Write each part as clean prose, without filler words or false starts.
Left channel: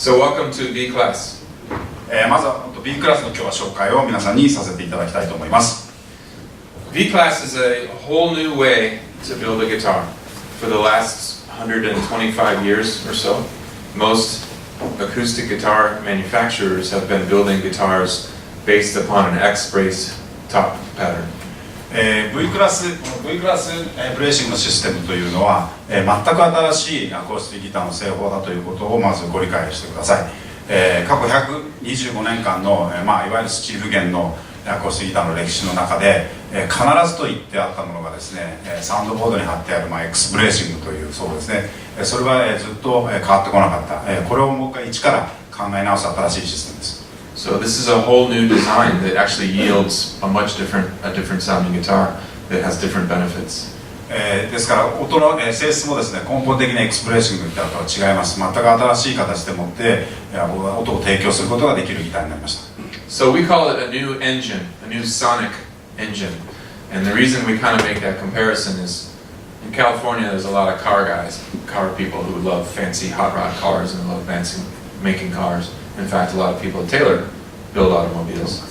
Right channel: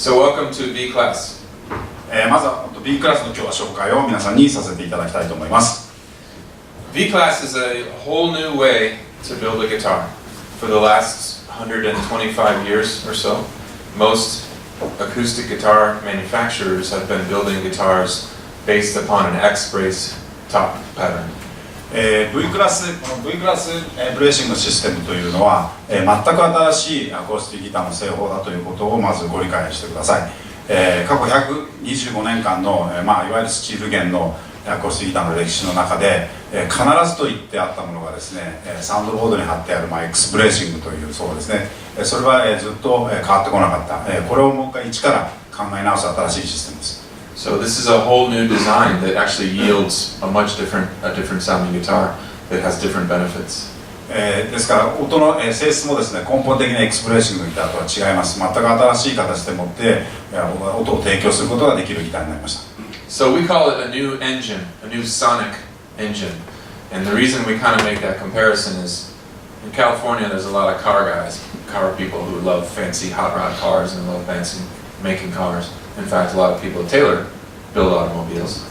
So welcome to B class. まずは B クラスの今日は紹介を皆さんにさせていただきたいと思います。B class is a whole new way to build a guitar. For the last 125 years or so, most acoustic guitar manufacturers have been building guitars based upon an X-brace top pattern. V クラスブレーシングのシステムというのは、全く新しいアコースティックギターの製法だということをまずご理解してください。過去125年間の、いわゆるスチール弦のアコースティックギターの歴史の中で、必ずと言ってあったものがですね、サウンドボードに貼ってある、X ブレーシングというそうですね、それは、ずっと変わってこなかった、これをもう一回一から考え直す新しいシステムです。So this is a whole new design that actually yields a different sounding guitar that has different benefits. ですから音の性質もですね、根本的なエクスプレッシングのギターとは違います。全く新しい形でもって音を提供することができるギターになりました。So we call it a new engine, a new sonic engine. And the reason we kind of make that comparison is in California there's a lot of car people who love fancy hot rod cars and love fancy making cars. In fact, a lot of people at Taylor build automobiles.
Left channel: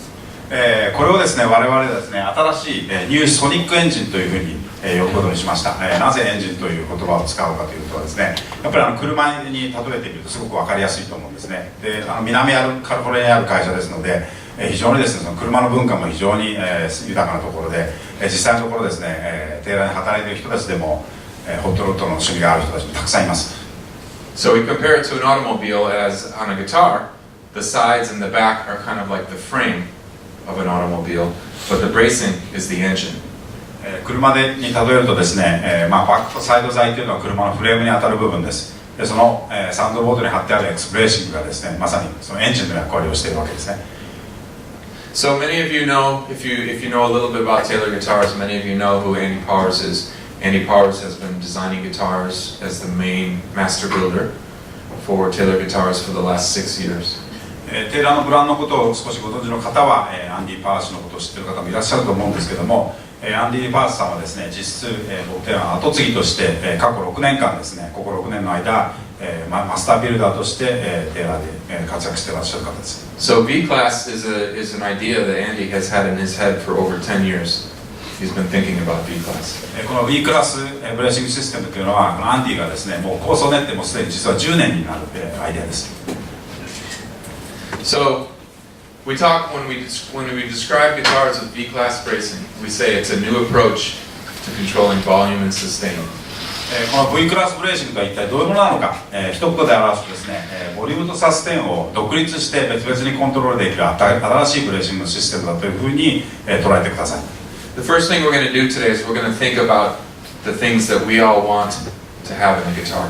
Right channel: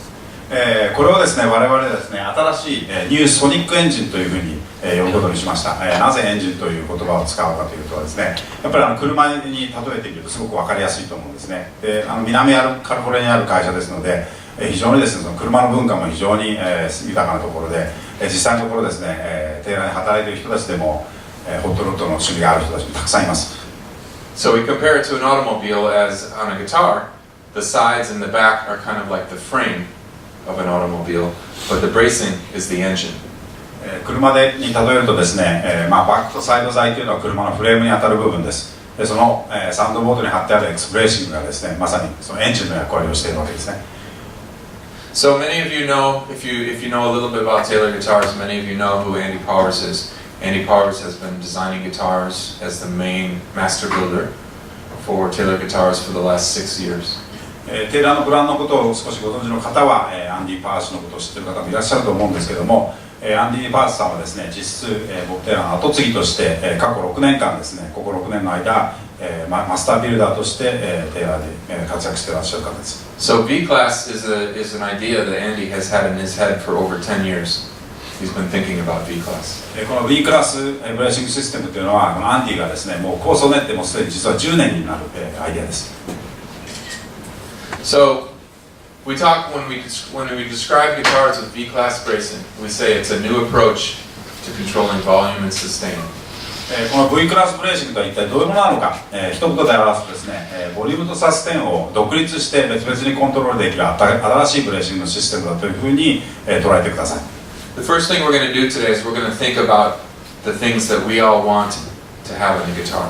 これをですね、我々ですね、新しいニューソニックエンジンというふうに呼ぶことにしました。なぜエンジンという言葉を使うかというとですね、やっぱり車に例えてみるとすごく分かりやすいと思うんですね。で、南カリフォルニアにある会社ですので、非常にですね、その車の文化も非常に豊かなところで、実際のところですね、テーラーに働いている人たちでもホットロッドの趣味がある人たちもたくさんいます。So we compare it to an automobile as on a guitar, the sides and the back are kind of like the frame of an automobile, but the bracing is the engine. 車に例えるとですね、バックとサイド材というのは車のフレームに当たる部分です。で、その、サウンドボードに貼ってあるエクスプレーシングがですね、まさにそのエンジンの役割をしているわけですね。So many of you know, if you know a little bit about Taylor guitars, many of you know who Andy Powers is. Andy Powers has been designing guitars as the main master builder for Taylor guitars for the last 6 years. テーラーのブランドのことを少しご存知の方は、アンディ・パースのことを知っている方もいらっしゃると思うんですけども、アンディ・パースさんはですね、実質、ボブ・テーラーの後継ぎとして、過去6年間ですね、ここ6年の間、マスタービルダーとして、テーラーで、活躍していらっしゃる方です。So B class is an idea that Andy has had in his head for over 10 years. He's been thinking about B class. この B クラスブレーシングシステムというのは、このアンディがですね、もう構想を練ってもうすでに実は10年になる、アイデアです。So we talk when we describe guitars with B-class bracing, we say it's a new approach to controlling volume and sustain. この V クラスブレーシングとは一体どういうものなのか、一言で表すとですね、ボリュームとサステンを独立して別々にコントロールできる新しいブレーシングのシステムだというふうに、捉えてください。The first thing we're going to do today is we're going to think about the things that we all want to have in a guitar.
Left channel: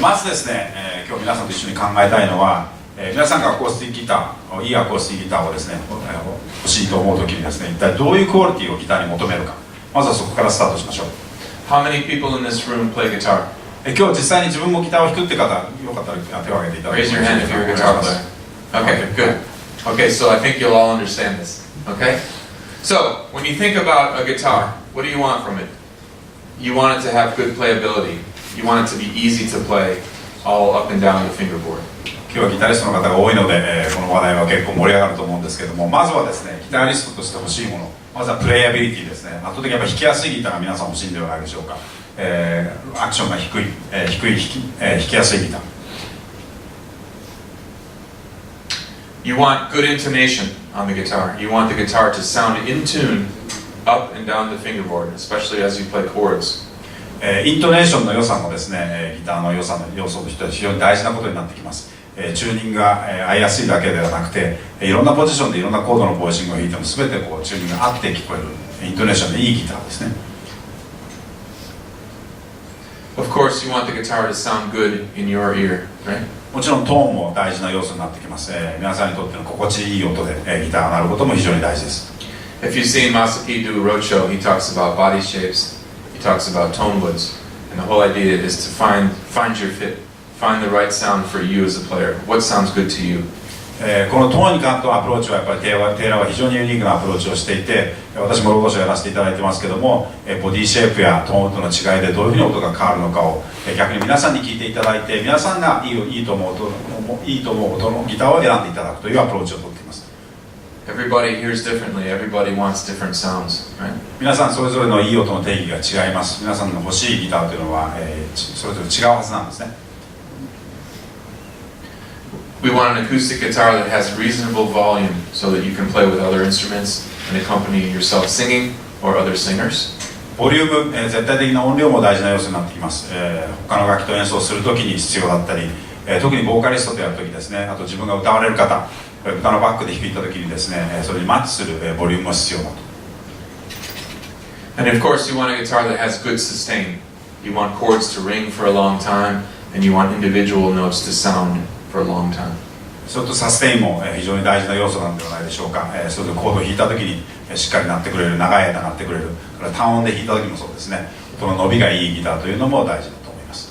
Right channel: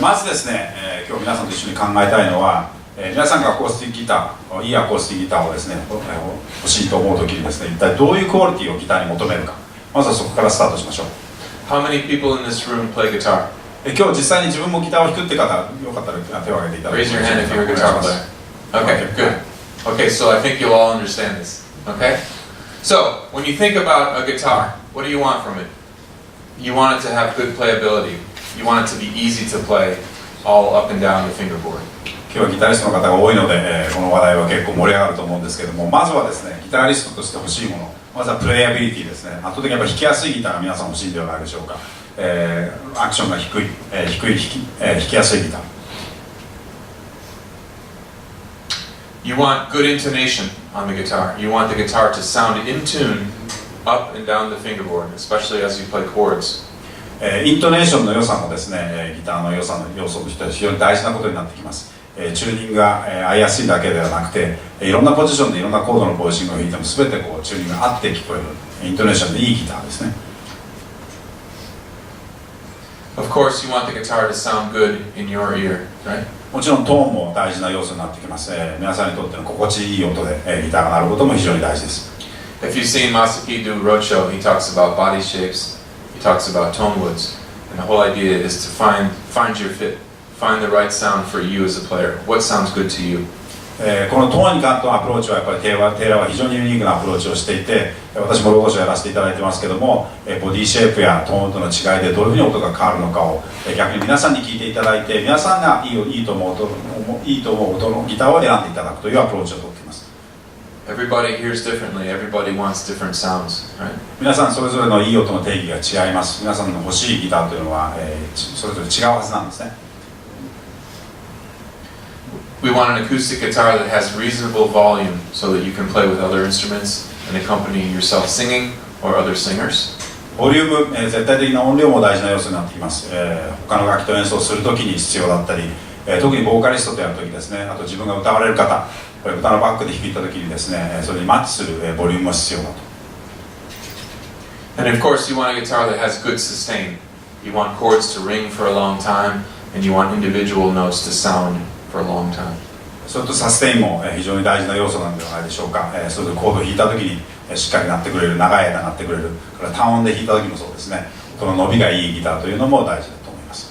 まずですね、今日皆さんと一緒に考えたいのは、皆さんがアコースティックギター、いいアコースティックギターをですね、欲しいと思うときにですね、一体どういうクオリティをギターに求めるか、まずはそこからスタートしましょう。How many people in this room play guitar? 今日実際に自分もギターを弾くって方、よかったら手を挙げていただけますか。 Raise your hand if you're a guitar player. Okay, good. Okay, so I think you'll all understand this. Okay? So, when you think about a guitar, what do you want from it? You want it to have good playability. You want it to be easy to play all up and down the fingerboard. 今日はギタリストの方が多いので、この話題は結構盛り上がると思うんですけども、まずはですね、ギタリストとして欲しいもの、まずはプレイアビリティですね。圧倒的にやっぱ弾きやすいギターが皆さん欲しいんではないでしょうか。アクションが低い、弾きやすいギター。You want good intonation on the guitar. You want the guitar to sound in tune up and down the fingerboard, especially as you play chords. イントネーションの良さもですね、ギターの良さの要素としては非常に大事なことになってきます。チューニングが合いやすいだけではなくて、いろんなポジションでいろんなコードのボイシングを弾いても全てこうチューニングが合って聞こえるイントネーションでいいギターですね。Of course, you want the guitar to sound good in your ear, right? もちろんトーンも大事な要素になってきます。皆さんにとっての心地いい音で、ギターが鳴ることも非常に大事です。If you've seen Masaki do roadshow, he talks about body shapes, he talks about tone woods, and the whole idea is to find your fit, find the right sound for you as a player. What sounds good to you? このトーンに関してのアプローチはやっぱりテイラーは非常にユニークなアプローチをしていて、私もロゴ賞をやらせていただいてますけども、ボディシェイプやトーンとの違いでどういうふうに音が変わるのかを逆に皆さんに聞いていただいて、皆さんがいいと思う音のギターを選んでいただくというアプローチをとっています。Everybody hears differently. Everybody wants different sounds, right? 皆さんそれぞれのいい音の定義が違います。皆さんの欲しいギターというのは、それぞれ違うはずなんですね。We want an acoustic guitar that has reasonable volume so that you can play with other instruments and accompany yourself singing or other singers. ボリューム、絶対的な音量も大事な要素になってきます。他の楽器と演奏するときに必要だったり、特にボーカリストとやるときですね、あと自分が歌われる方、歌のバックで弾いたときにですね、それにマッチするボリュームも必要だと。And of course, you want a guitar that has good sustain. You want chords to ring for a long time, and you want individual notes to sound for a long time. それとサステインも非常に大事な要素なんではないでしょうか。それとコードを弾いたときにしっかり鳴ってくれる、長い間鳴ってくれる、から単音で弾いたときもそうですね、この伸びがいいギターというのも大事だと思います。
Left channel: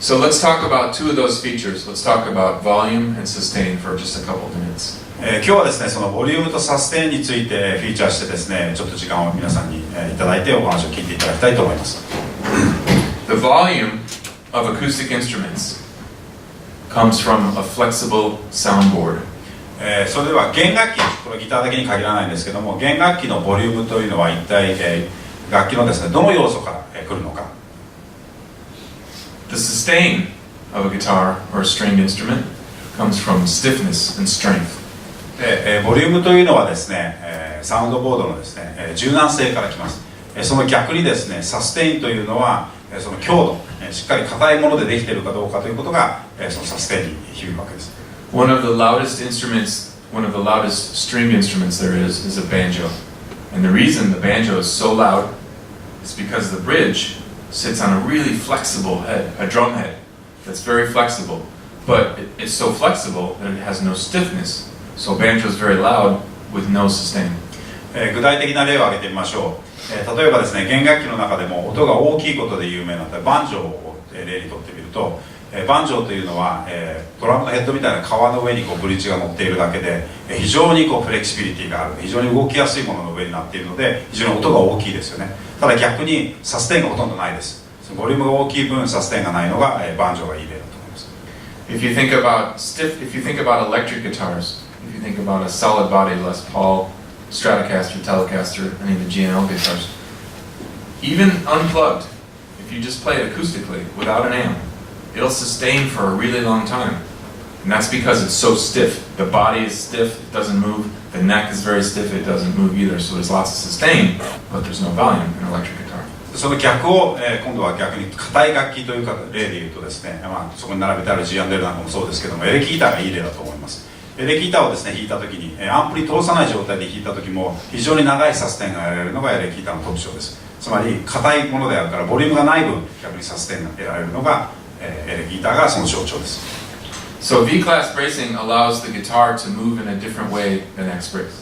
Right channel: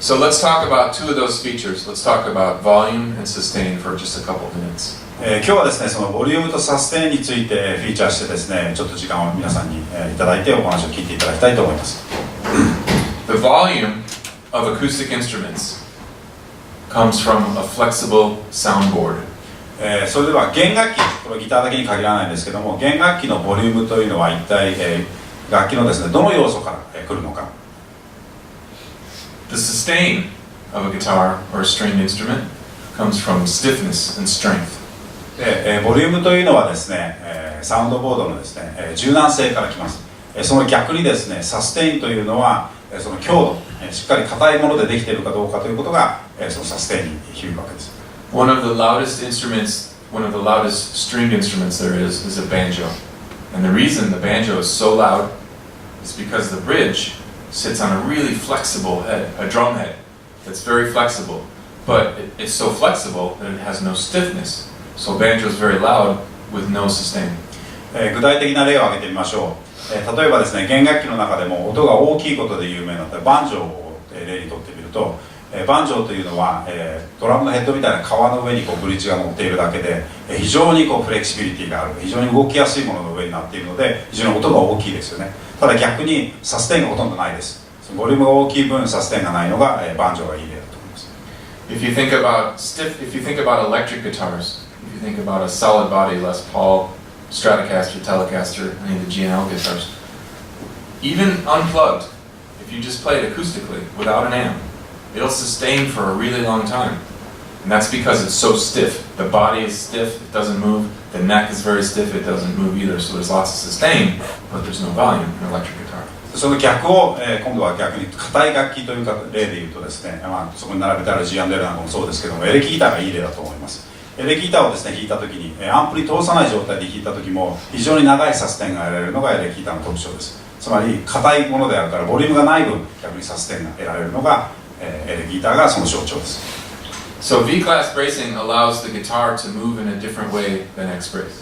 So let's talk about two of those features. Let's talk about volume and sustain for just a couple of minutes. 今日はですね、そのボリュームとサステインについてフィーチャーしてですね、ちょっと時間を皆さんにいただいてお話を聞いていただきたいと思います。The volume of acoustic instruments comes from a flexible soundboard. それでは弦楽器、これギターだけに限らないんですけども、弦楽器のボリュームというのは一体、楽器のですね、どの要素から来るのか。The sustain of a guitar or a stringed instrument comes from stiffness and strength. ボリュームというのはですね、サウンドボードのですね、柔軟性から来ます。その逆にですね、サステインというのはその強度、しっかり硬いものでできているかどうかということがそのサステインに響くわけです。One of the loudest instruments, one of the loudest stringed instruments there is a banjo. And the reason the banjo is so loud is because the bridge sits on a really flexible head, a drum head that's very flexible. But it's so flexible that it has no stiffness. So banjo is very loud with no sustain. 具体的な例を挙げてみましょう。例えばですね、弦楽器の中でも音が大きいことで有名なバンジョーを例にとってみると、バンジョーというのはドラムのヘッドみたいな革の上にブリッジが乗っているだけで非常にフレキシビリティがある、非常に動きやすいものの上になっているので非常に音が大きいですよね。ただ逆にサステインがほとんどないです。ボリュームが大きい分サステインがないのがバンジョーがいい例だと思います。If you think about electric guitars, if you think about a solid body Les Paul, Stratocaster, Telecaster, any of the G&L guitars, even unplugged, if you just play it acoustically without an amp, it'll sustain for a really long time. And that's because it's so stiff. The body is stiff, it doesn't move. The neck is very stiff, it doesn't move either. So there's lots of sustain, but there's no volume in an electric guitar. その逆を、今度は逆に硬い楽器というか例で言うとですね、そこに並べてある G&L なんかもそうですけども、エレキギターがいい例だと思います。エレキギターをですね弾いたときにアンプリ通さない状態で弾いたときも非常に長いサステインが得られるのがエレキギターの特徴です。つまり硬いものであるからボリュームがない分逆にサステインが得られるのがエレキギターがその象徴です。So V-class bracing allows the guitar to move in a different way than X brace.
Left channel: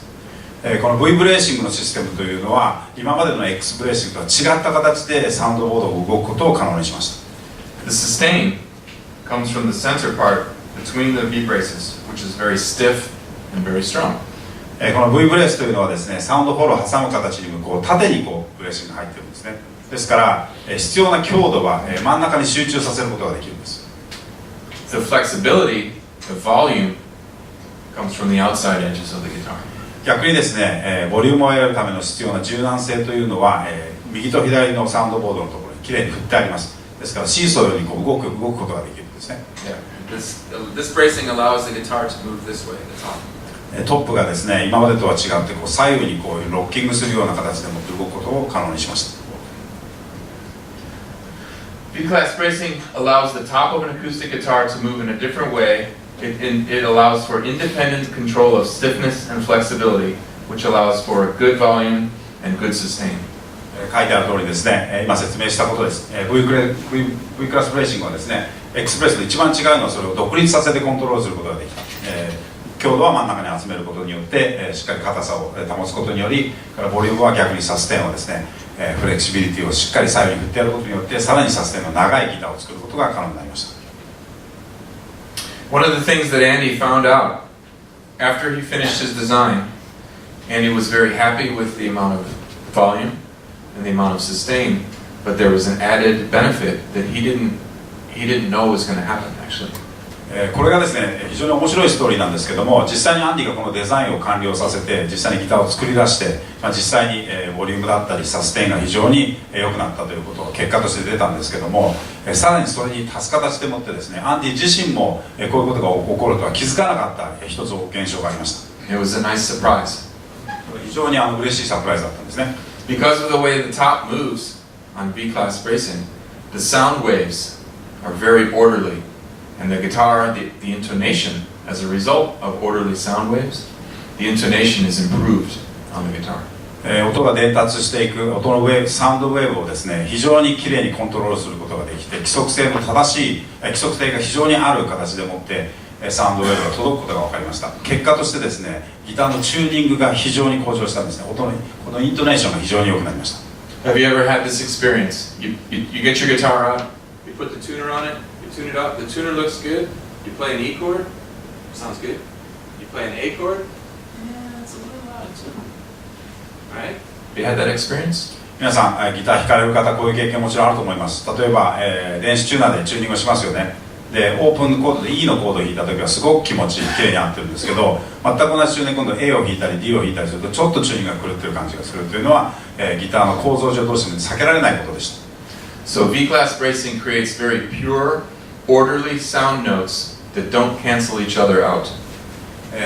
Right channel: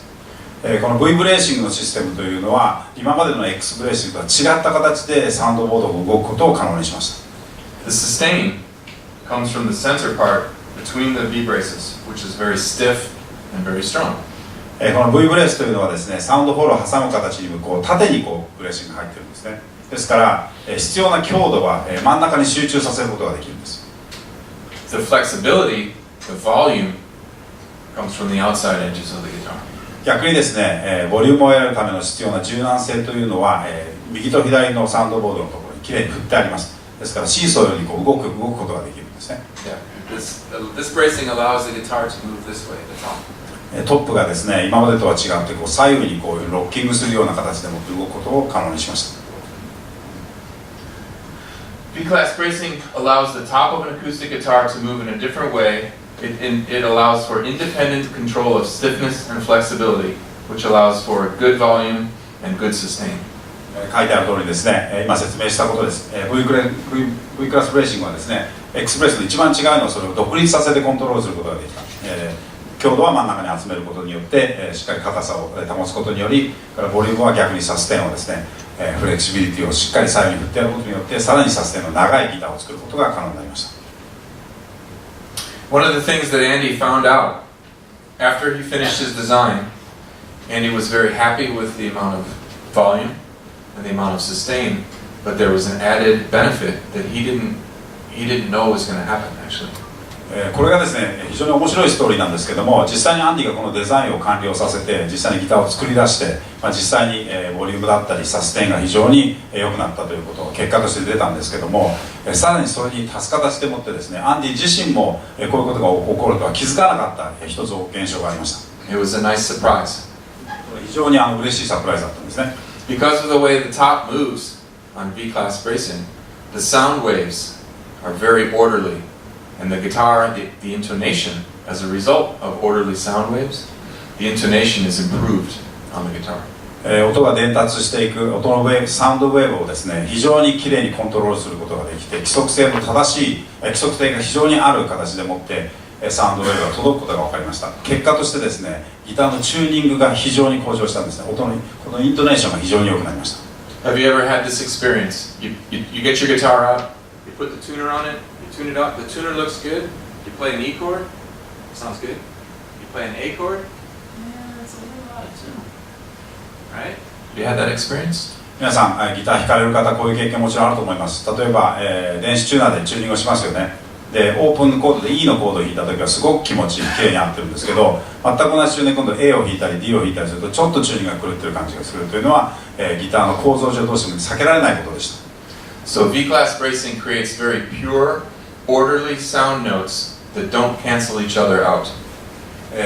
この V ブレーシングのシステムというのは今までの X ブレーシングとは違った形でサウンドボードが動くことを可能にしました。 The sustain comes from the center part between the V braces, which is very stiff and very strong. この V ブレースというのはですね、サウンドホールを挟む形に縦にブレーシングが入っているんですね。ですから必要な強度は真ん中に集中させることができるんです。 The flexibility, the volume comes from the outside edges of the guitar. 逆にですね、ボリュームを得るための必要な柔軟性というのは、右と左のサウンドボードのところにきれいに振ってあります。ですからシーソーように動くことができるんですね。Yeah, this bracing allows the guitar to move this way at the top. トップがですね、今までとは違って左右にロッキングするような形でもって動くことを可能にしました。V-class bracing allows the top of an acoustic guitar to move in a different way. It allows for independent control of stiffness and flexibility, which allows for good volume and good sustain. 書いてある通りですね、今説明したことです。V クラスブレーシングはですね、X ブレースと一番違うのはそれを独立させてコントロールすることができた。強度は真ん中に集めることによって、しっかり硬さを保つことにより、ボリュームは逆にサステインをですね、フレキシビリティをしっかり左右に振ってやることによって、さらにサステインの長いギターを作ることが可能になりました。One of the things that Andy found out after he finished his design, Andy was very happy with the amount of volume and the amount of sustain, but there was an added benefit that he didn't know was going to happen actually. これがですね非常に面白いストーリーなんですけども、実際にアンディがこのデザインを完了させて実際にギターを作り出して、実際にボリュームだったりサステインが非常に良くなったということを結果として出たんですけども、さらにそれに足す形でもってですね、アンディ自身もこういうことが起こるとは気づかなかった一つ現象がありました。 It was a nice surprise. 非常に嬉しいサプライズだったんですね。 Because of the way the top moves on V-class bracing, the sound waves are very orderly, and the guitar, the intonation, as a result of orderly sound waves, the intonation is improved on the guitar. 音が伝達していく音のウェーブ、サウンドウェーブをですね非常にきれいにコントロールすることができて、規則性の正しい規則性が非常にある形でもってサウンドウェーブが届くことが分かりました。結果としてですねギターのチューニングが非常に向上したんですね。音のこのイントネーションが非常に良くなりました。 Have you ever had this experience? You get your guitar out, you put the tuner on it, you tune it up, the tuner looks good, you play an E chord, sounds good. You play an A chord, yeah, it's a little out of tune. Right? You had that experience? 皆さんギター弾かれる方こういう経験もちろんあると思います。例えば、電子チューナーでチューニングをしますよね。でオープンコードで E のコードを弾いた時はすごく気持ちいい綺麗に合ってるんですけど、全く同じチューニングで今度 A を弾いたり D を弾いたりするとちょっとチューニングが狂ってる感じがするというのは、ギターの構造上どうしても避けられないことでした。 So V-class bracing creates very pure, orderly sound notes that don't cancel each other out.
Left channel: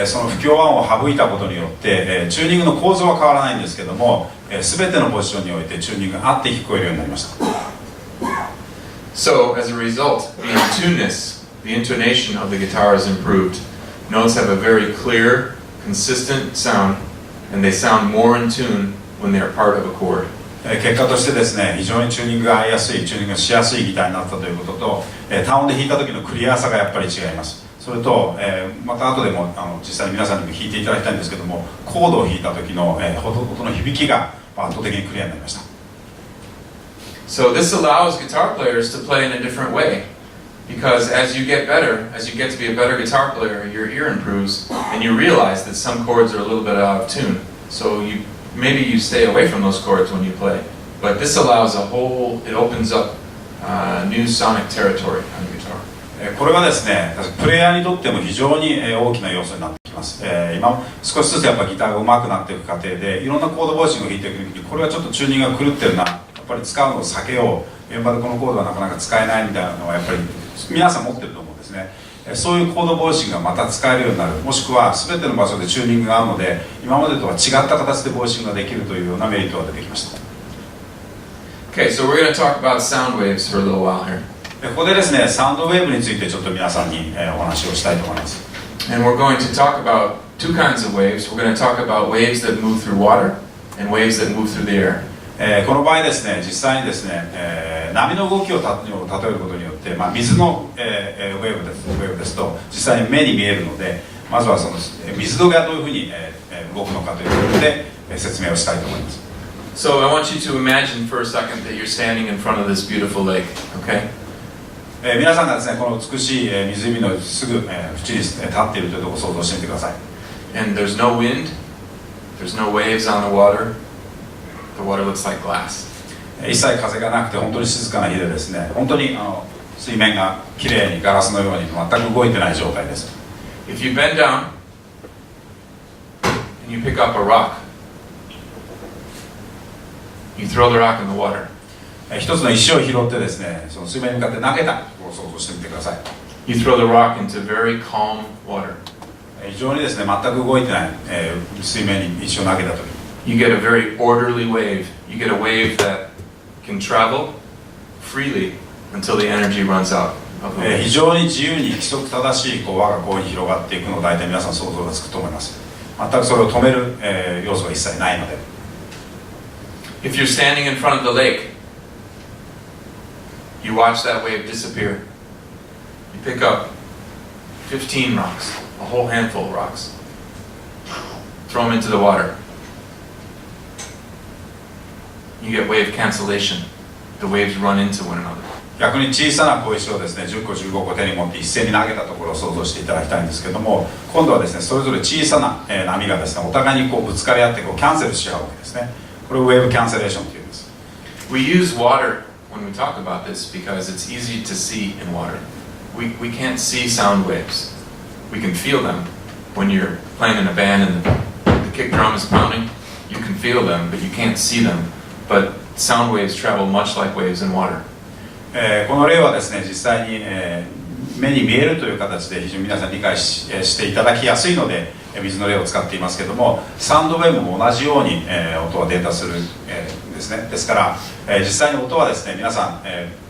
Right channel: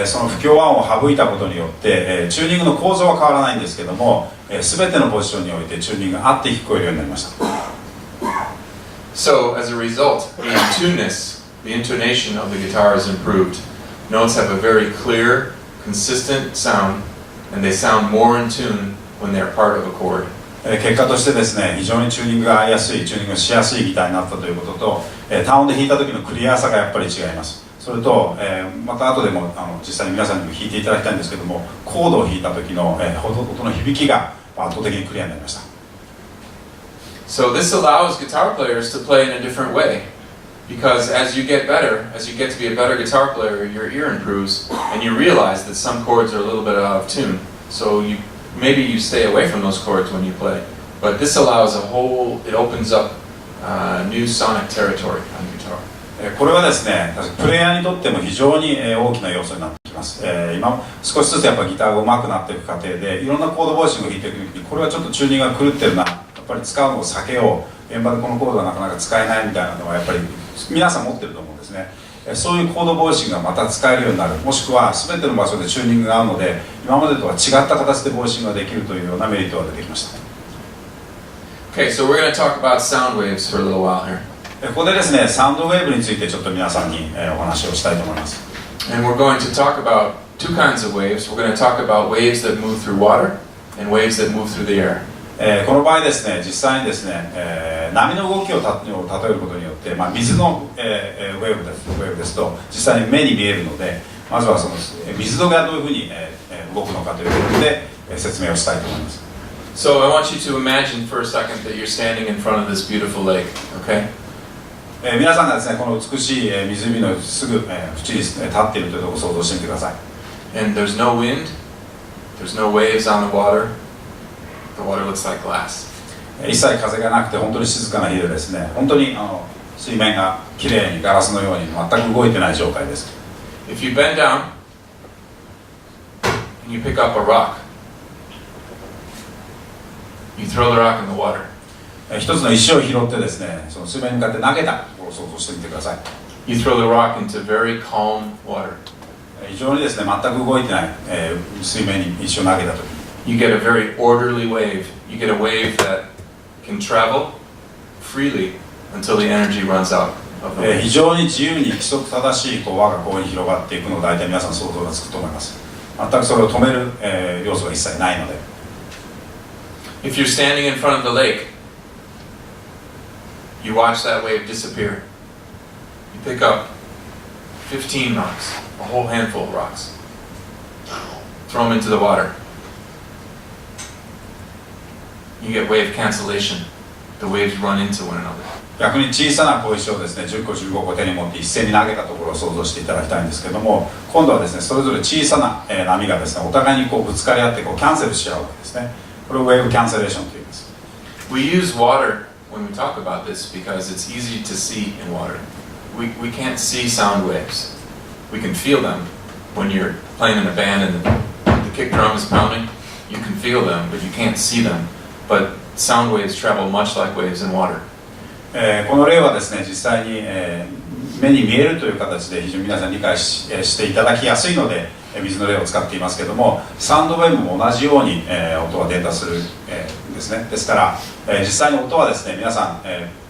その不協和音を省いたことによって、チューニングの構造は変わらないんですけども、全てのポジションにおいてチューニングが合って聞こえるようになりました。 So as a result, the in-tuneness, the intonation of the guitar is improved. Notes have a very clear, consistent sound, and they sound more in tune when they are part of a chord. 結果としてですね非常にチューニングが合いやすいチューニングがしやすいギターになったということと、単音で弾いた時のクリアさがやっぱり違います。それと、また後でも実際に皆さんにも弾いていただきたいんですけども、コードを弾いた時の、音の響きが圧倒的にクリアになりました。 So this allows guitar players to play in a different way, because as you get better, as you get to be a better guitar player, your ear improves, and you realize that some chords are a little bit out of tune. So maybe you stay away from those chords when you play, but this allows it opens up new sonic territory on the guitar. これはですねプレイヤーにとっても非常に大きな要素になってきます。今少しずつやっぱギターが上手くなっていく過程でいろんなコードボイシングを弾いていく時にこれはちょっとチューニングが狂ってるな、やっぱり使うのを避けよう、現場でこのコードはなかなか使えないみたいなのはやっぱり皆さん持ってると思うんですね。そういうコードボイシングがまた使えるようになる、もしくは全ての場所でチューニングが合うので今までとは違った形でボイシングができるというようなメリットが出てきました。 Okay, so we're going to talk about sound waves for a little while here. ここでですねサウンドウェーブについてちょっと皆さんにお話をしたいと思います。 And we're going to talk about two kinds of waves. We're going to talk about waves that move through water and waves that move through the air. この場合ですね実際にですね、波の動きを例えることによって、水の、ウェーブですと実際に目に見えるので、まずはその水がどういうふうに、動くのかということで、説明をしたいと思います。 So I want you to imagine for a second that you're standing in front of this beautiful lake, okay? 皆さんがですねこの美しい湖のすぐ縁に立っているというところを想像してみてください。 And there's no wind, there's no waves on the water. The water looks like glass. 一切風がなくて本当に静かな日でですね、本当に水面がきれいにガラスのように全く動いてない状態です。 If you bend down and you pick up a rock, you throw the rock in the water. 一つの石を拾ってですねその水面に向かって投げたところを想像してみてください。 You throw the rock into very calm water. 非常にですね全く動いてない、水面に石を投げたとき You get a very orderly wave. You get a wave that can travel freely until the energy runs out of the wave. 非常に自由に規則正しい輪がこういうふうに広がっていくのを大体皆さん想像がつくと思います。全くそれを止める、要素が一切ないので。 If you're standing in front of the lake, you watch that wave disappear. You pick up 15 rocks, a whole handful of rocks, throw them into the water. You get wave cancellation. The waves run into one another. 逆に小さな小石をですね10個15個手に持って一斉に投げたところを想像していただきたいんですけども、今度はですねそれぞれ小さな波がですねお互いにこうぶつかり合ってこうキャンセルし合うわけですね。これをウェーブキャンセレーションと言います。 We use water when we talk about this because it's easy to see in water. We can't see sound waves. We can feel them when you're playing in a band and the kick drum is pounding. You can feel them, but you can't see them. But sound waves travel much like waves in water. この例はですね実際に、目に見えるという形で非常に皆さん理解していただきやすいので水の例を使っていますけども、サウンドウェーブも同じように、音はデータする、ですね。ですから、実際に音はですね皆さん、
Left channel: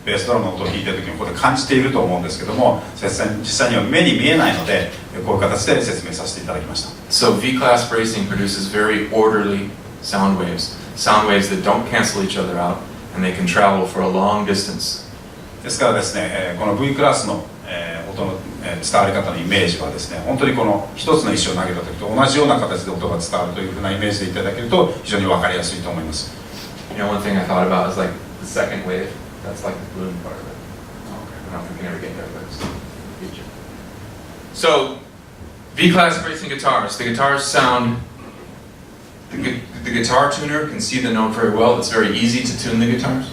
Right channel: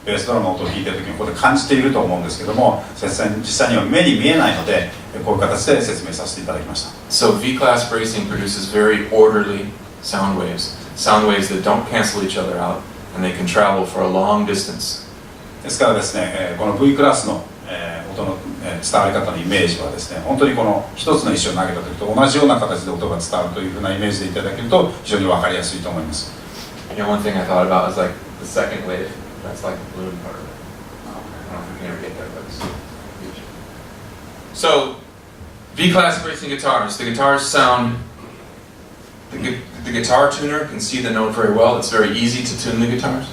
ベースドラムの音を弾いている時にここで感じていると思うんですけども、実際には目に見えないのでこういう形で説明させていただきました。 So V-class bracing produces very orderly sound waves that don't cancel each other out, and they can travel for a long distance. ですからですね、この V クラスの、音の、伝わり方のイメージはですね、本当にこの一つの石を投げた時と同じような形で音が伝わるというふうなイメージでいただけると非常に分かりやすいと思います。You know, one thing I thought about is like the second wave. That's like the bloom part of it. I don't know if we can ever get that, but it's future. So, V-class bracing guitars. The guitars sound. The guitar tuner can see the note very well. It's very easy to tune the guitars.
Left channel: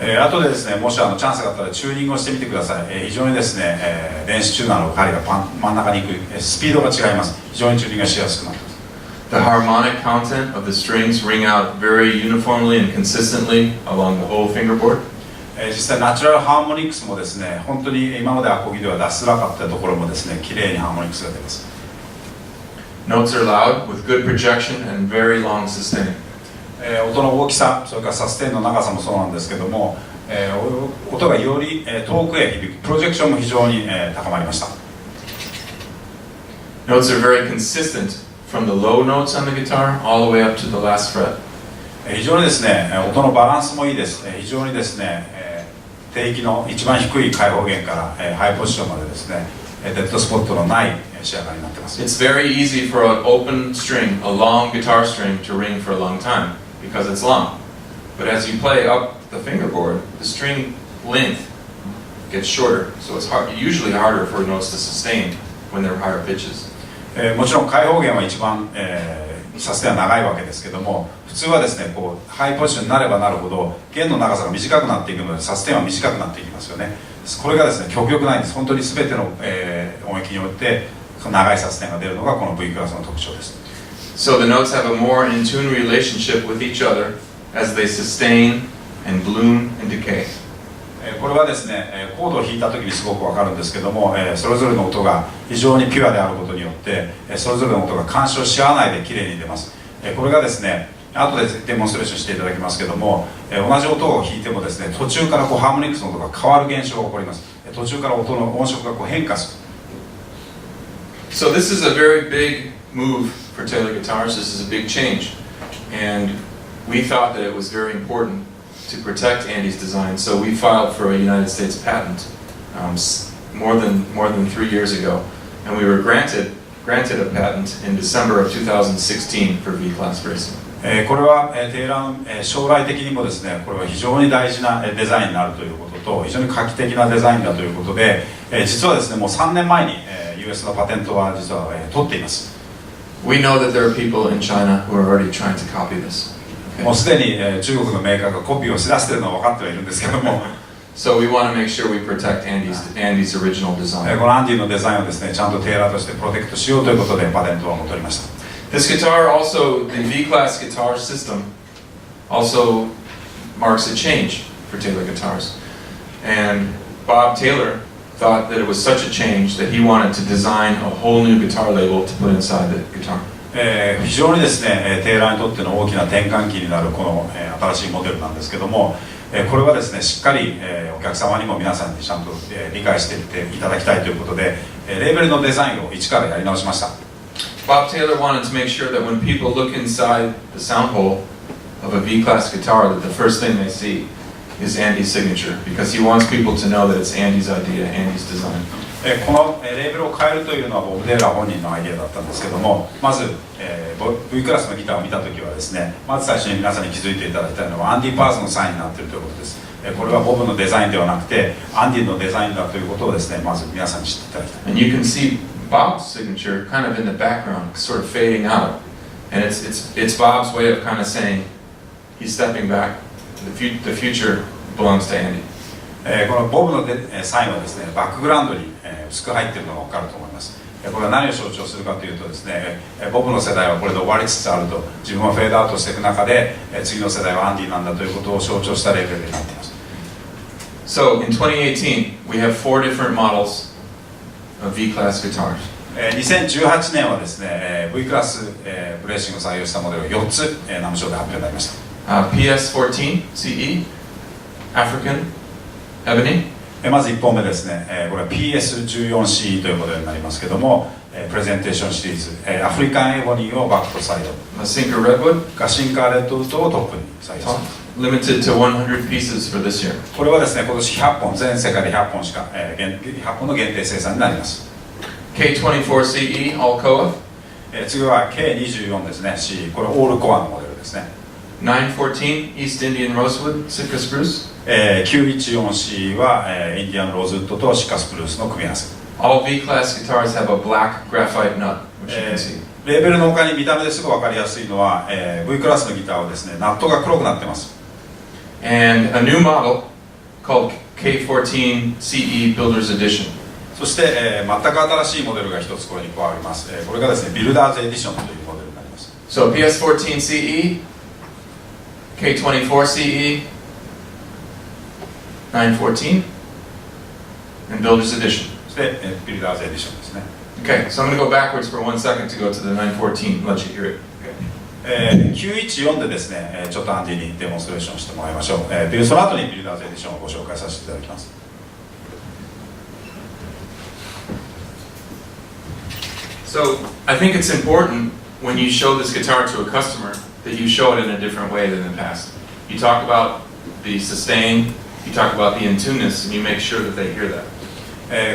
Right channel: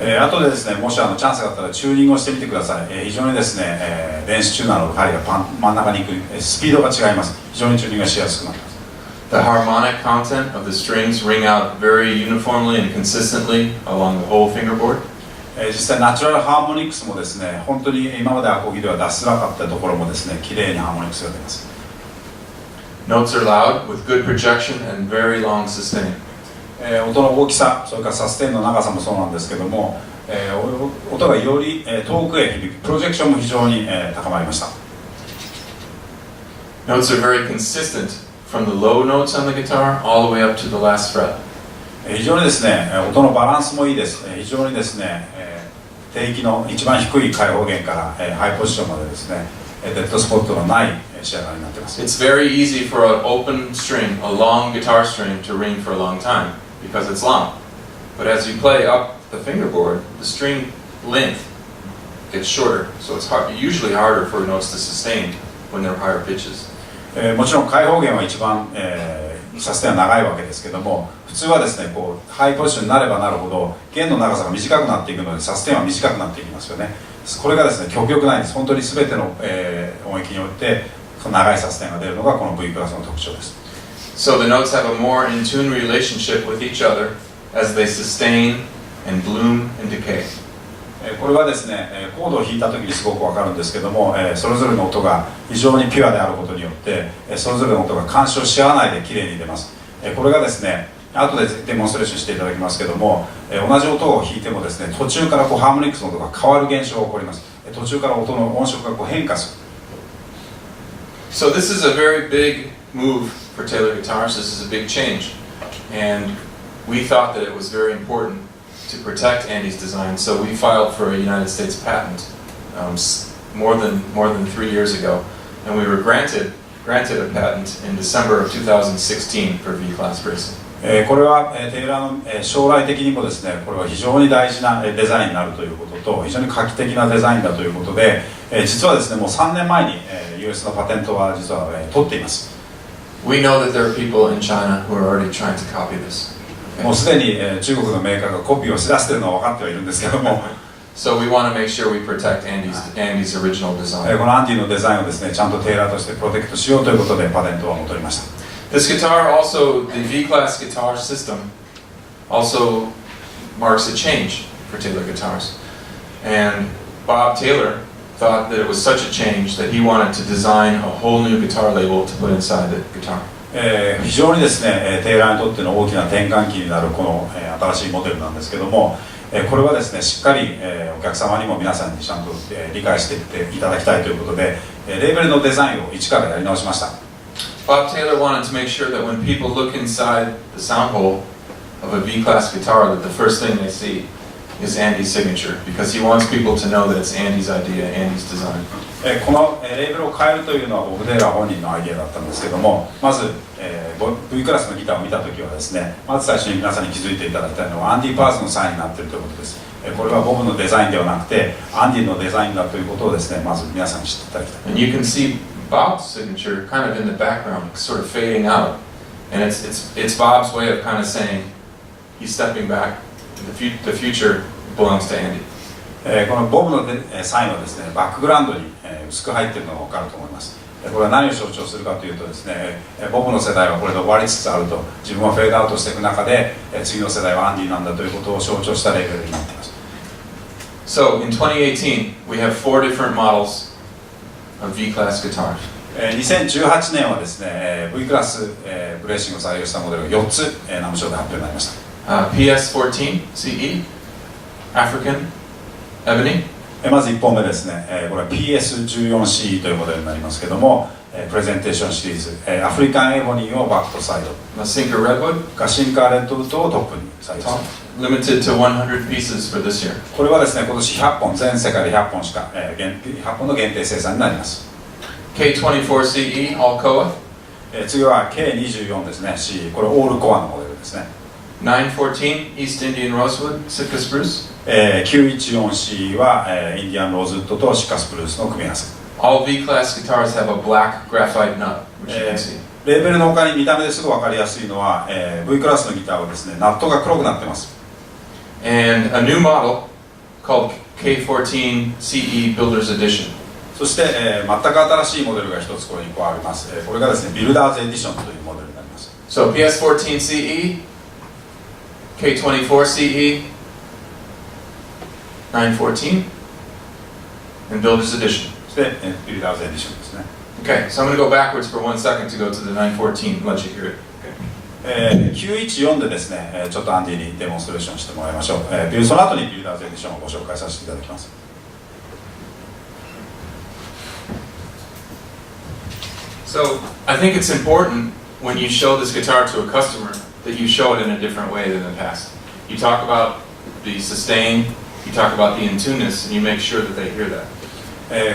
後でですね、もしチャンスがあったらチューニングをしてみてください。非常にですね、電子チューナーの針が真ん中に行くスピードが違います。非常にチューニングがしやすくなります。The harmonic content of the strings ring out very uniformly and consistently along the whole fingerboard. 実際ナチュラルハーモニクスもですね、本当に今までアコギでは出しづらかったところもですね、綺麗にハーモニクスが出ます。Notes are loud with good projection and very long sustain. 音の大きさ、それからサステンの長さもそうなんですけども、音がより遠くへ響く、プロジェクションも非常に高まりました。Notes are very consistent from the low notes on the guitar all the way up to the last fret. 非常にですね、音のバランスもいいです。非常にですね、低域の一番低い開放弦からハイポジションまでですね、デッドスポットのない仕上がりになっています。It's very easy for an open string, a long guitar string, to ring for a long time because it's long. But as you play up the fingerboard, the string length gets shorter, so it's usually harder for notes to sustain when they're higher pitches. もちろん開放弦は一番、サステンは長いわけですけども、普通はですねこうハイポジションになればなるほど弦の長さが短くなっていくのでサステンは短くなっていきますよね。これがですね極力ないんです。本当に全ての、音域において長いサステンが出るのがこの V クラスの特徴です。So the notes have a more in tune relationship with each other as they sustain and bloom and decay. これはですねコードを弾いた時にすごくわかるんですけども、それぞれの音が非常にピュアであることによってそれぞれの音が干渉し合わないできれいに出ます。これがですね後でデモンストレーションしていただきますけども、同じ音を弾いてもですね途中からこうハーモニクスの音が変わる現象が起こります。途中から音の音色がこう変化する。So this is a very big move for Taylor guitars. This is a big change, and we thought that it was very important to protect Andy's design. So we filed for a United States patent more than 3 years ago, and we were granted a patent in December of 2016 for V-class bracing. これはテイラーの将来的にもですねこれは非常に大事なデザインになるということと非常に画期的なデザインだということで実はですねもう3年前に US のパテントは実は取っています。 We know that there are people in China who are already trying to copy this. もうすでに中国のメーカーがコピーをしだしているのは分かってはいるんですけどもSo we want to make sure we protect Andy's original design. このアンディのデザインをですねちゃんとテイラーとしてプロテクトしようということでパテントを取りました。 This guitar also, the V-class guitar system also marks a change for Taylor guitars. And Bob Taylor thought that it was such a change that he wanted to design a whole new guitar label to put inside the guitar. 非常にですねテイラーにとっての大きな転換期になるこの新しいモデルなんですけどもこれはですねしっかりお客様にも皆さんにちゃんと理解していっていただきたいということでレーベルのデザインを一からやり直しました。 Bob Taylor wanted to make sure that when people look inside the sound hole of a V-class guitar that the first thing they see is Andy's signature because he wants people to know that it's Andy's idea, Andy's design. このレーベルを変えるというのはボブ・テイラー本人のアイデアだったんですけどもまず V クラスのギターを見たときはですねまず最初に皆さんに気づいていただきたいのはアンディ・パーズのサインになっているということです。これはボブのデザインではなくてアンディのデザインだということをですね、まず皆さんに知っていただきたい。 And you can see Bob's signature kind of in the background, sort of fading out. And it's Bob's way of kind of saying he's stepping back. The future belongs to Andy. このボブのサインはですね、バックグラウンドに薄く入っているのが分かると思います。これは何を象徴するかというとですね、ボブの世代はこれで終わりつつあると、自分はフェードアウトしていく中で次の世代はアンディなんだということを象徴したレベルになっています。 So in 2018, we have 4 different models of V-class guitars. 2018年はですね、V クラスブレーシングを採用したモデルが4つナムショーで発表になりました。PS14 CE, African, Ebony. まず1本目ですね、これは PS14CE というモデルになりますけども、プレゼンテーションシリーズ、アフリカンエボニーをバックとサイド、Masinka Redwood, ガシンカーレッドウッドをトップに採用し top, ます。 limited to 100 pieces for this year. これはですね、今年100本、全世界で100本しか、100本の限定生産になります。 K24CE, Alcoa. 次は K24 ですね、C、これオールコアのモデルですね。 914 East Indian Rosewood, Sitka Spruce. 914C は、インディアンローズウッドとシカスプルースの組み合わせ。 All V-class guitars have a black graphite nut, which you can see. レーベルの他に見た目ですぐ分かりやすいのは、V クラスのギターはですね、ナットが黒くなってます。 And a new model called K14 CE Builder's Edition. そして、全く新しいモデルが一つこれに加わります。これがですね、ビルダーズエディションというモデルになります。 So PS14 CE, K24 CE, 914, and Builder's Edition. そして、ビルダーズエディションですね。Okay, so I'm going to go backwards for 1 second to go to the 914. Let you hear it. 914でですね、ちょっとアンディにデモンストレーションしてもらいましょう。その後にビルダーズエディションをご紹介させていただきます。So I think it's important when you show this guitar to a customer that you show it in a different way than in the past. You talk about the sustain, you talk about the in-tuneness, and you make sure that they hear that.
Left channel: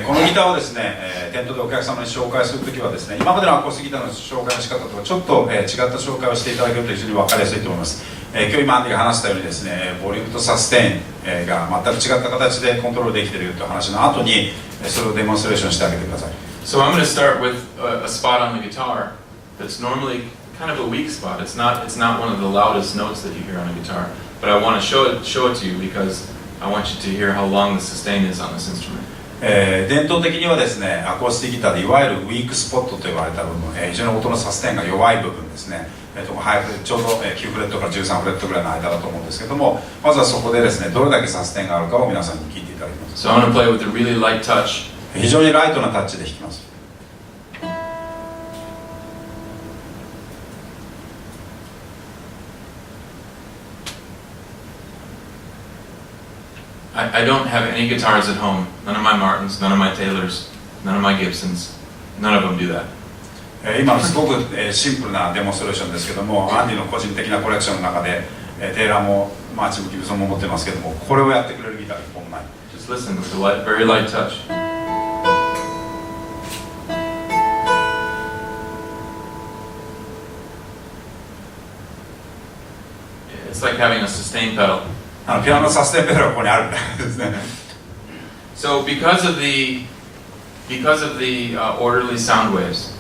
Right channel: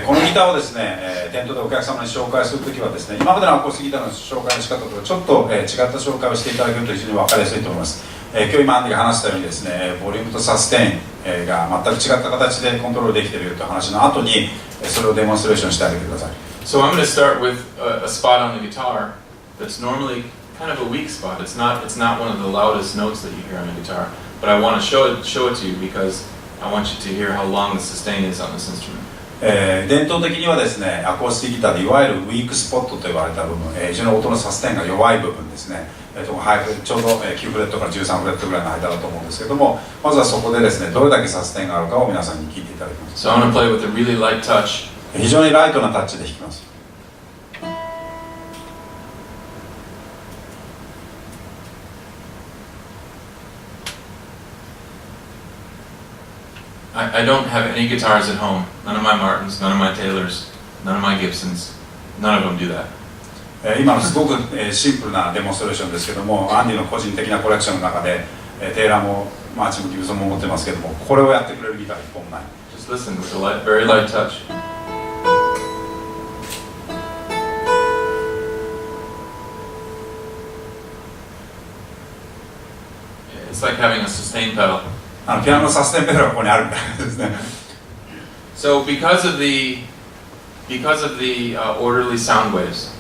このギターをですね、店頭でお客様に紹介するときはですね、今までのアコースティックギターの紹介の仕方とはちょっと、違った紹介をしていただけると非常に分かりやすいと思います。今日今アンディが話したようにですね、ボリュームとサステインが全く違った形でコントロールできているという話の後にそれをデモンストレーションしてあげてください。So I'm going to start with a spot on the guitar that's normally kind of a weak spot. It's not one of the loudest notes that you hear on a guitar, but I want to show it to you because I want you to hear how long the sustain is on this instrument. 伝統的にはですね、アコースティックギターでいわゆるウィークスポットと言われた部分、非常に音のサステンが弱い部分ですね、ちょうど9フレットから13フレットぐらいの間だと思うんですけども、まずはそこでですね、どれだけサステンがあるかを皆さんに聞いていただきます。 So I'm going to play with a really light touch. 非常にライトなタッチで弾きます。I don't have any guitars at home. None of my Martins, none of my Taylors, none of my Gibsons. None of them do that. 今のすごくシンプルなデモンストレーションですけども、アンディの個人的なコレクションの中でテイラーもマーチもギブソンも持ってますけども、これをやってくれるギターは一本もない。 Just listen with a light, very light touch. It's like having a sustain pedal. ピアノのサステンペダルがここにあるみたいですね。So because of the orderly sound waves,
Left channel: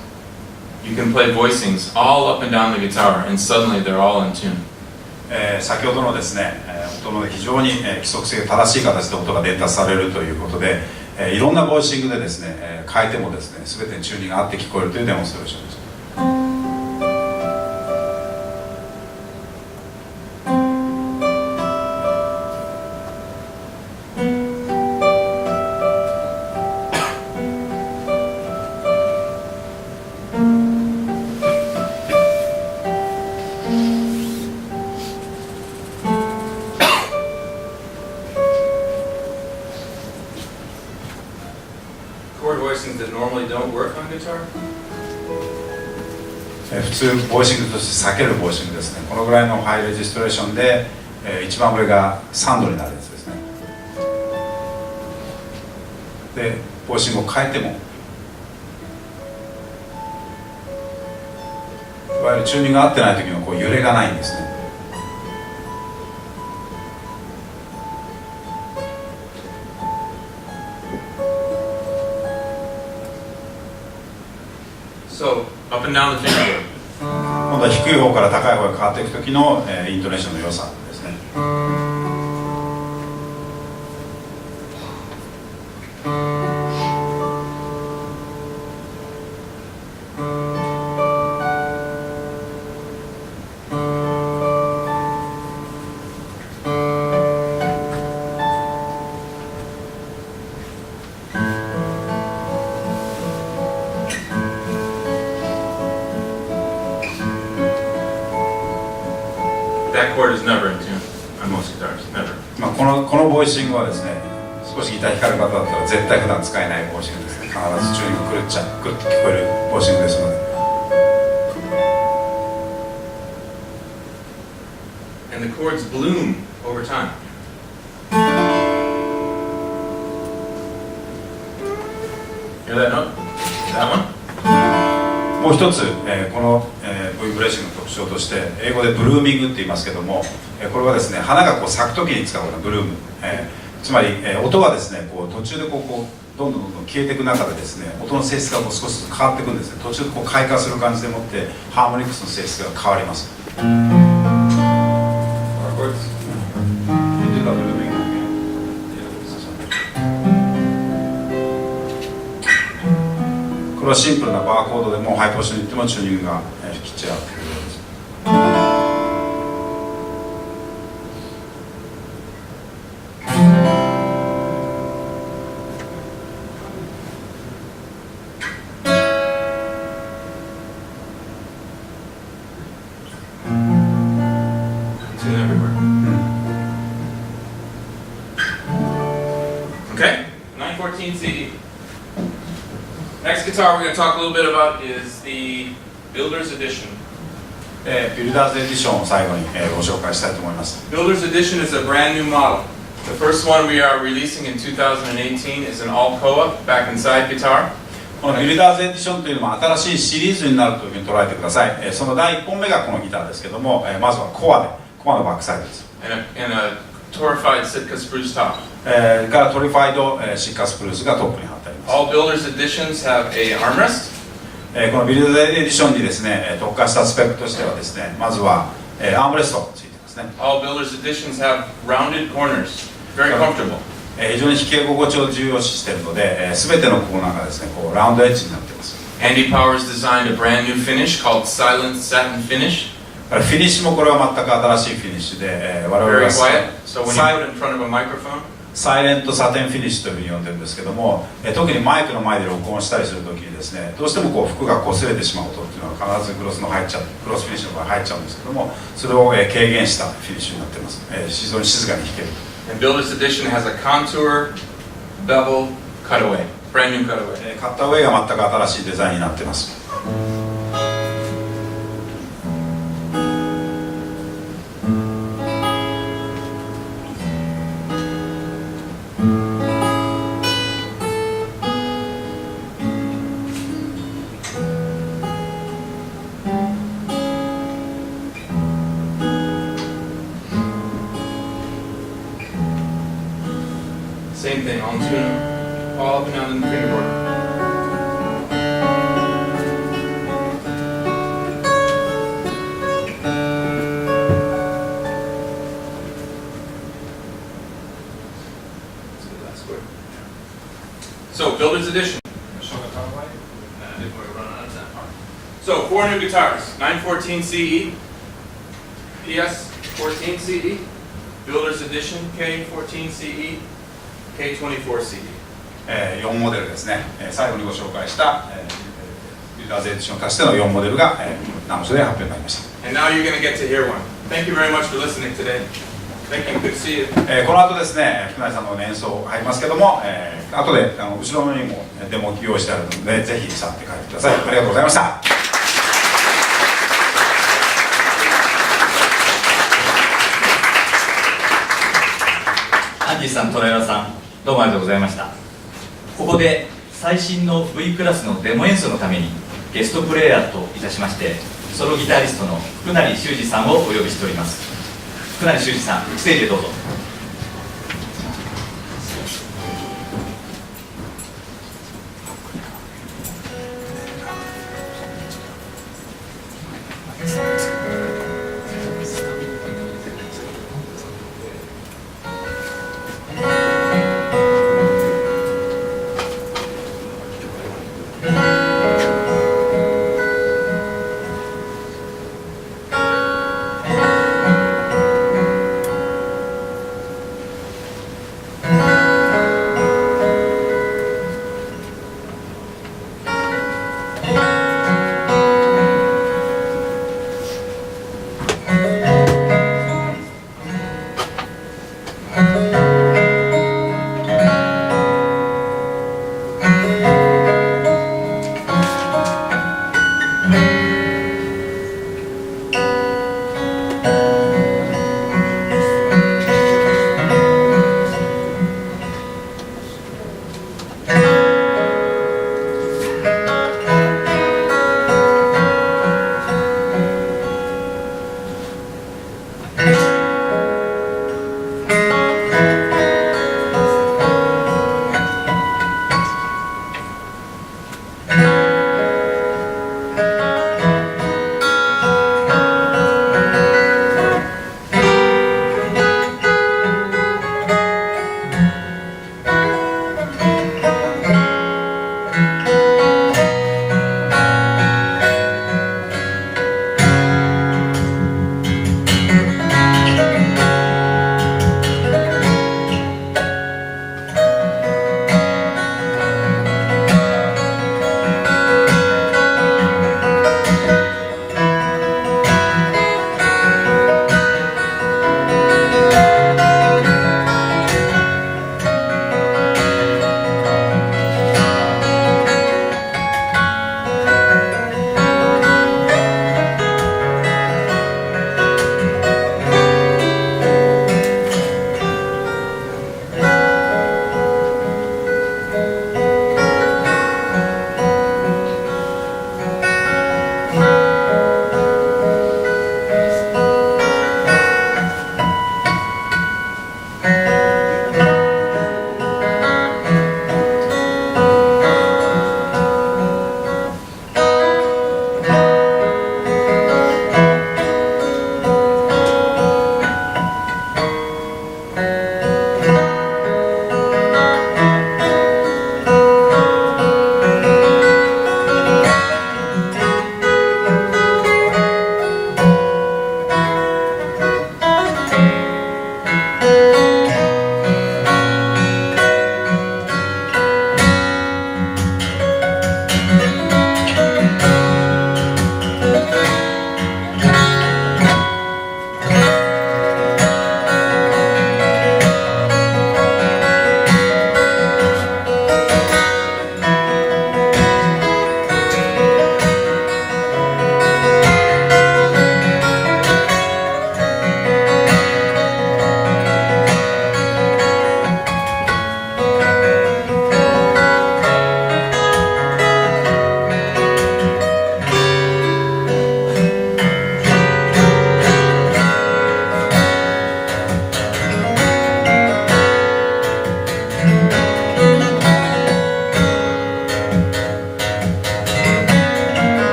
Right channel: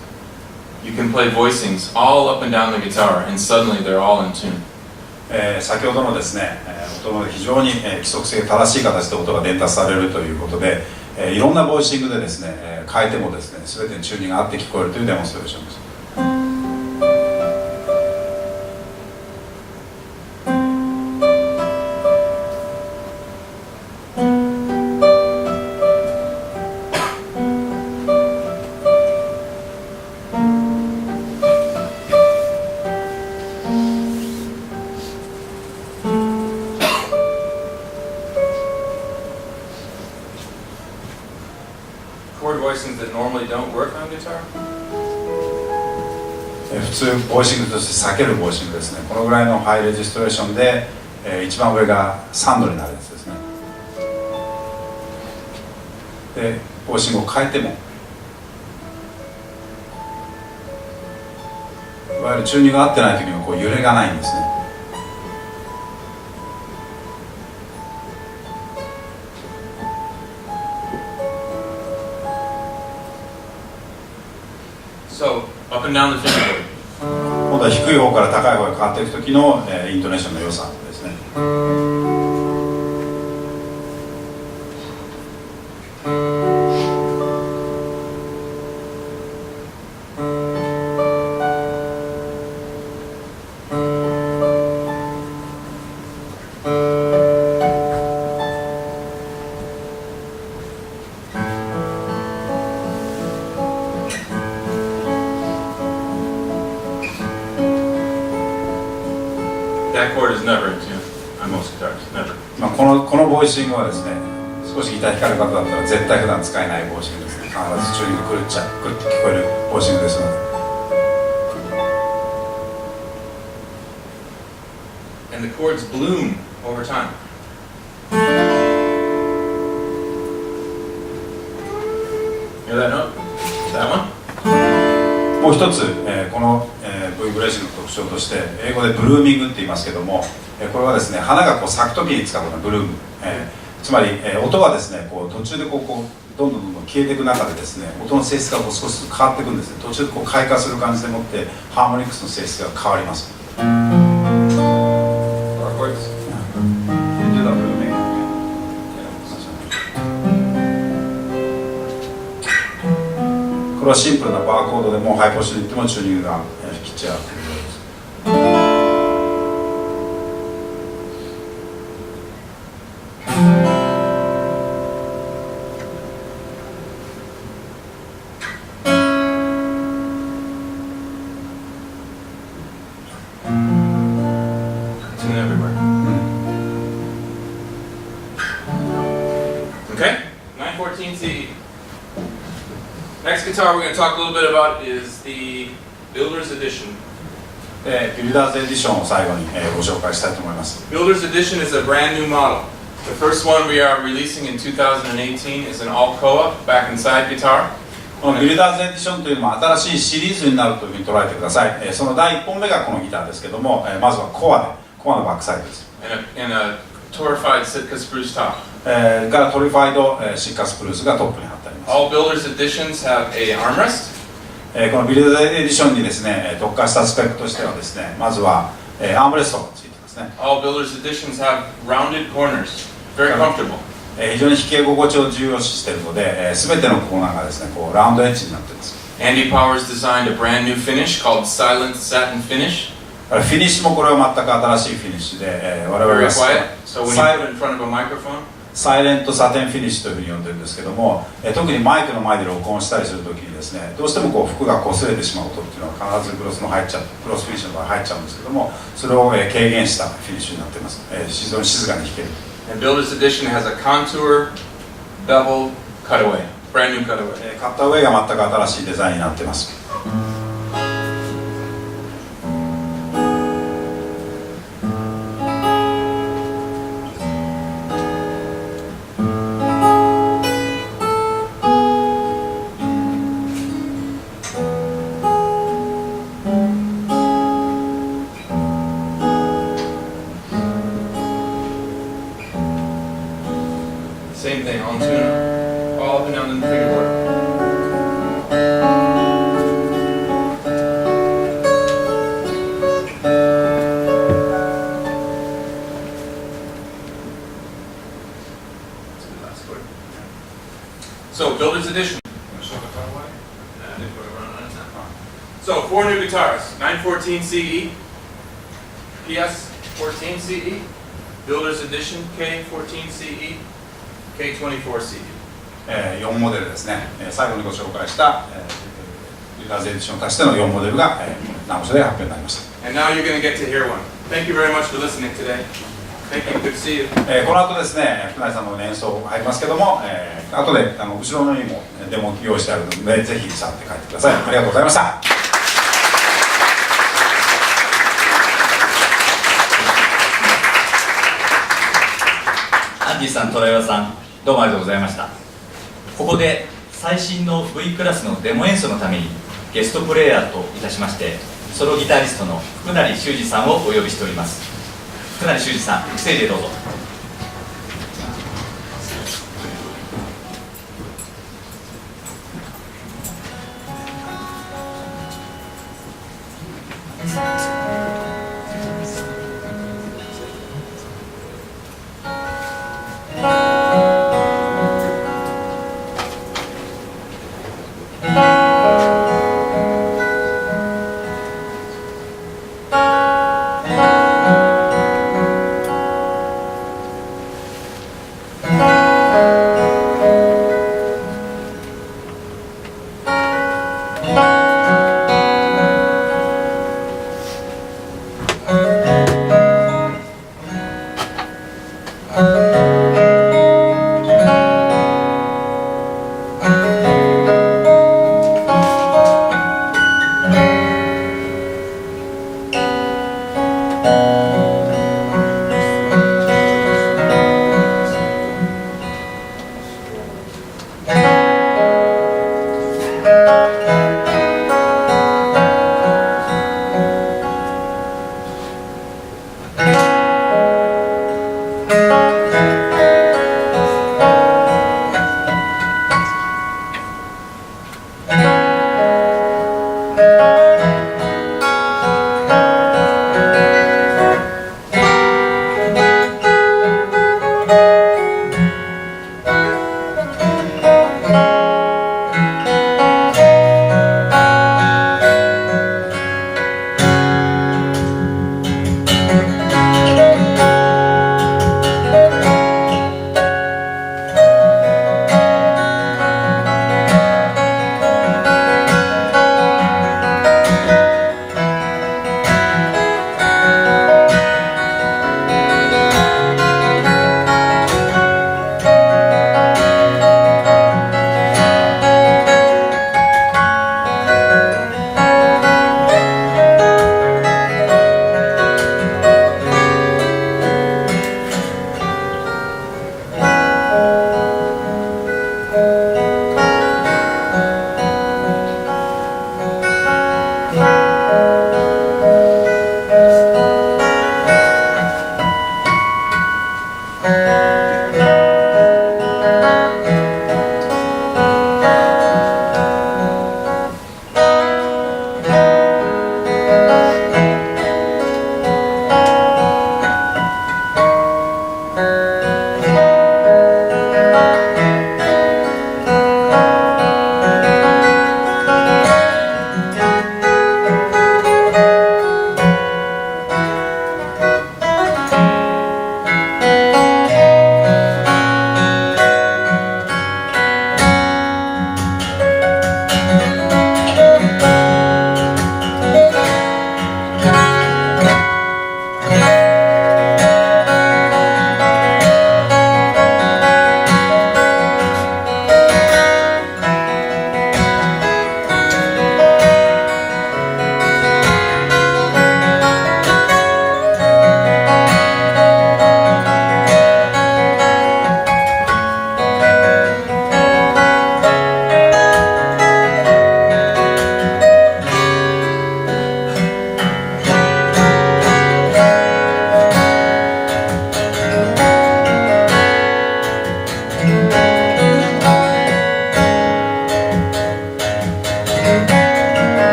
you can play voicings all up and down the guitar, and suddenly they're all in tune. 先ほどのですね、音の非常に規則性正しい形で音が伝達されるということで、いろんなボイシングでですね、変えてもですね、全てにチューニングが合って聞こえるというデモンストレーションです。Chord voicings that normally don't work on guitar. 普通ボイシングとして避けるボイシングですね。このぐらいのハイレジストレーションで、一番上が3度になるやつですね。でボイシングを変えてもいわゆるチューニングが合ってない時のこう揺れがないんですね。So, up and down the fingerboard. 今度は低い方から高い方へ変わっていく時の、イントネーションの良さですね。That chord is never in tune on most guitars. Never. このボイシングはですね、少しギター弾かれる方だったら絶対普段使えないボイシングですね。必ずチューニング狂っちゃう、狂って聞こえるボイシングですので。And the chords bloom over time. Hear that note? That one? もう一つ、この、V ブレーシングの特徴として英語でブルーミングって言いますけども、これはですね、花がこう咲く時に使うようなブルーム、つまり、音がですね、こう途中でこうどんどん消えていく中でですね、音の性質がこう少しずつ変わっていくんですね。途中でこう開花する感じでもってハーモニクスの性質が変わります。これはシンプルなバーコードでもハイポジションに行ってもチューニングがきっちり合っているようです。Tune everywhere. Okay, 914 CE. Next guitar we're going to talk a little bit about is the Builder's Edition. ビルダーズエディションを最後に、ご紹介したいと思います。Builder's Edition is a brand new model. The first one we are releasing in 2018 is an Alcoa back inside guitar. このビルダーズエディションというのも新しいシリーズになるというふうに捉えてください。その第1本目がこのギターですけども、まずはコアのバックサイドです。And a torrefied Sitka spruce top. からトリファイド、シッカスプルースがトップに貼ってあります。All Builder's Editions have a armrest. このビルダーズエディションにですね、特化したスペックとしてはですね、まずは、アームレストがついてますね。All Builder's Editions have rounded corners. Very comfortable. 非常に弾き心地を重要視しているので、全てのコーナーがですね、こうラウンドエッジになっています。Andy Powers designed a brand new finish called Silent Satin Finish. フィニッシュもこれは全く新しいフィニッシュで、我々 Very が quiet. So when you put it in front of a microphone, サイレントサテンフィニッシュというふうに呼んでるんですけども、特にマイクの前で録音したりするときにですね、どうしてもこう服が擦れてしまう音っていうのは必ずクロスフィニッシュの場合入っちゃうんですけども、それを軽減したフィニッシュになっています。非常に静かに弾ける。and Builder's Edition has a contour bevel cutaway, brand new cutaway. カッターウェイが全く新しいデザインになっています。Same thing, on tune, all up and down the fingerboard. That's a good last word. So, Builder's Edition. So, 4 new guitars, 914 CE, PS 14 CE, Builder's Edition K14 CE, K24 CE. 4モデルですね。最後にご紹介した、ビルダーズエディションとしての4モデルが、ナムショで発表になりました。 And now you're going to get to hear one. Thank you very much for listening today. Thank you. Good to see you. この後ですね、福内さんの演奏入りますけども、後で後ろのにもデモ用意してあるので、ぜひ去って帰ってください。ありがとうございました。アンディさん、トライバさん、どうもありがとうございました。ここで最新の V クラスのデモ演奏のためにゲストプレイヤーといたしましてソロギタリストの福成修二さんをお呼びしております。福成修二さん、ステージへどうぞ。「